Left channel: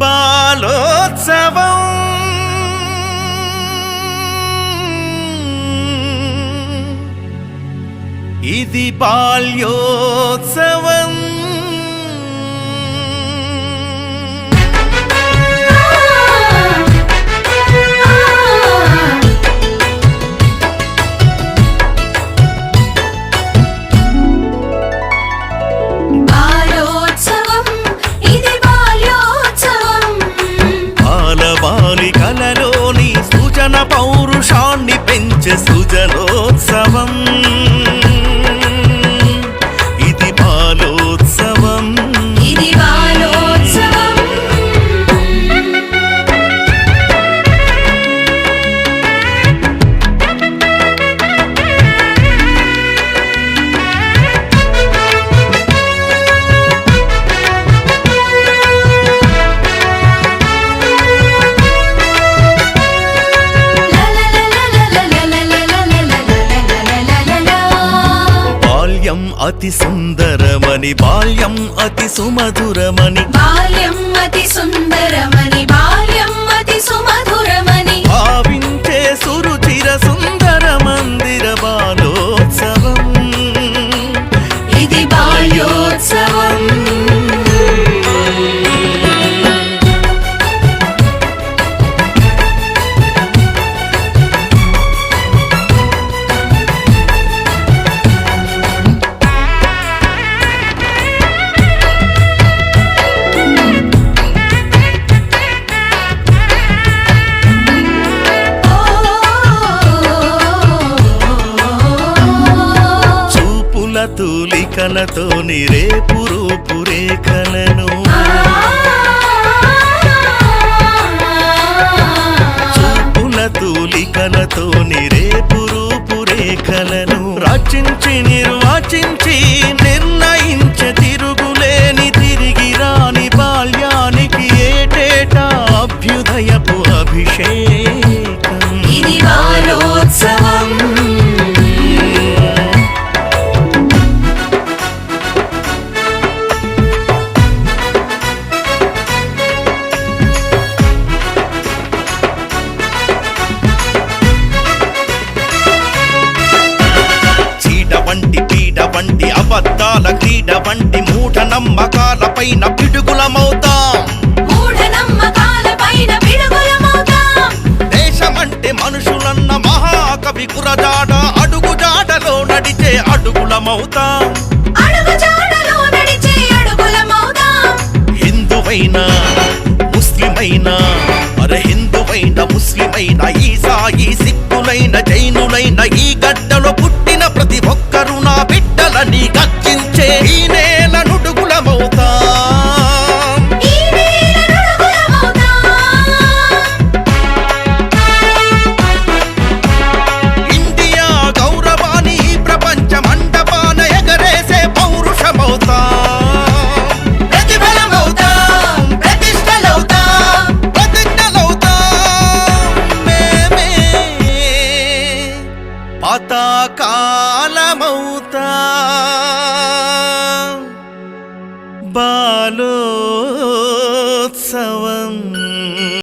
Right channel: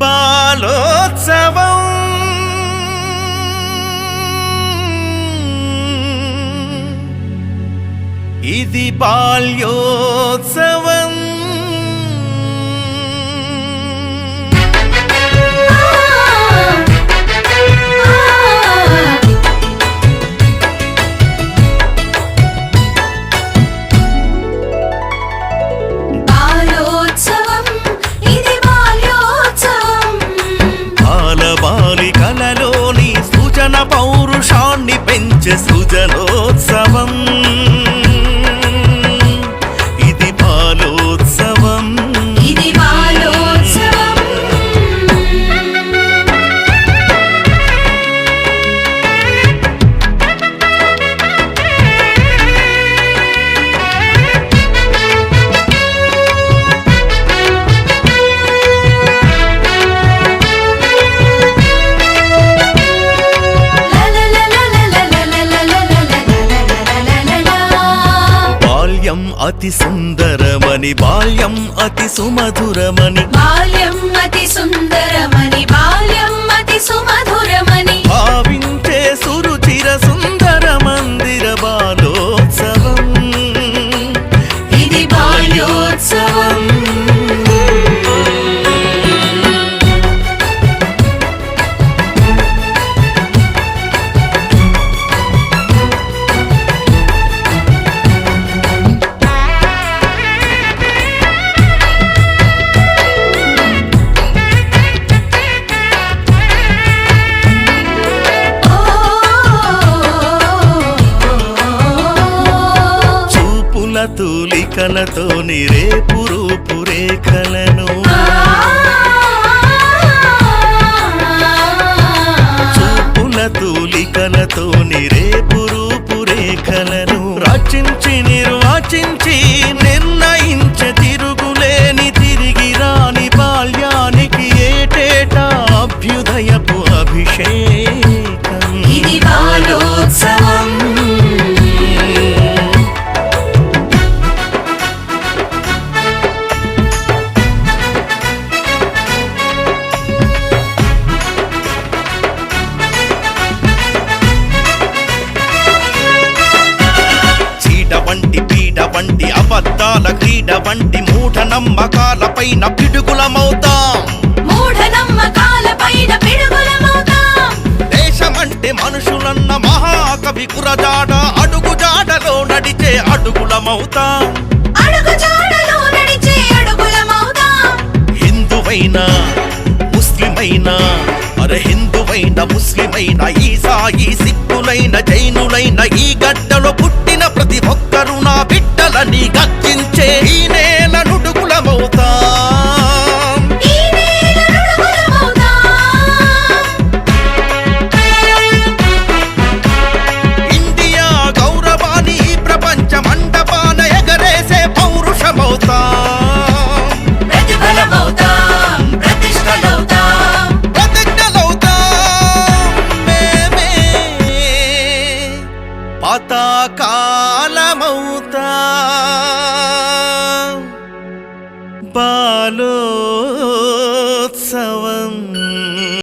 బాలోత్సవం ఇది బాల్యోత్సవం బాలికలలోని సృజన పౌరుషాన్ని పెంచే సృజనోత్సవం ఇది బాలోత్సవం ఇది బాలోత్సవం బాల్యం అతి సుందరమని బాల్యం అతి సుమధురమని బాల్యం అతి సుందరమని బాల్యం అతి సుమధురమని భావించే సురుచిర సుందర మందిర బాలోత్సవం ఇది బాల్యోత్సవం తూలికలతో రేపు రూపురేఖలను చూపుల తూలికలతో రేపు రూపురేఖలను రచించి నిర్వచించి నిర్ణయించే తిరుగులేని తిరిగి రాని బాల్యానికి ఏటేటా అభ్యుదయపు అభిషేకం ఇది బాలోత్సవం వంటి పీడ వంటి అబద్ధాల క్రీడ వంటి మూఢ నమ్మకాలపైన పిడుగులమవుతాం దేశమంటే మనుషులన్న మహాకవి కురజాడ అడుగు జాడలో నడిచే అడుగులమవుతాం హిందువైనా ముస్లిమైనా అరే హిందువైన ముస్లిమైన ఈసాయి సిక్కులైన జైనులైన ఈ గడ్డలో పుట్టిన ప్రతి ఒక్కరూ నా బిడ్డలని గర్జించే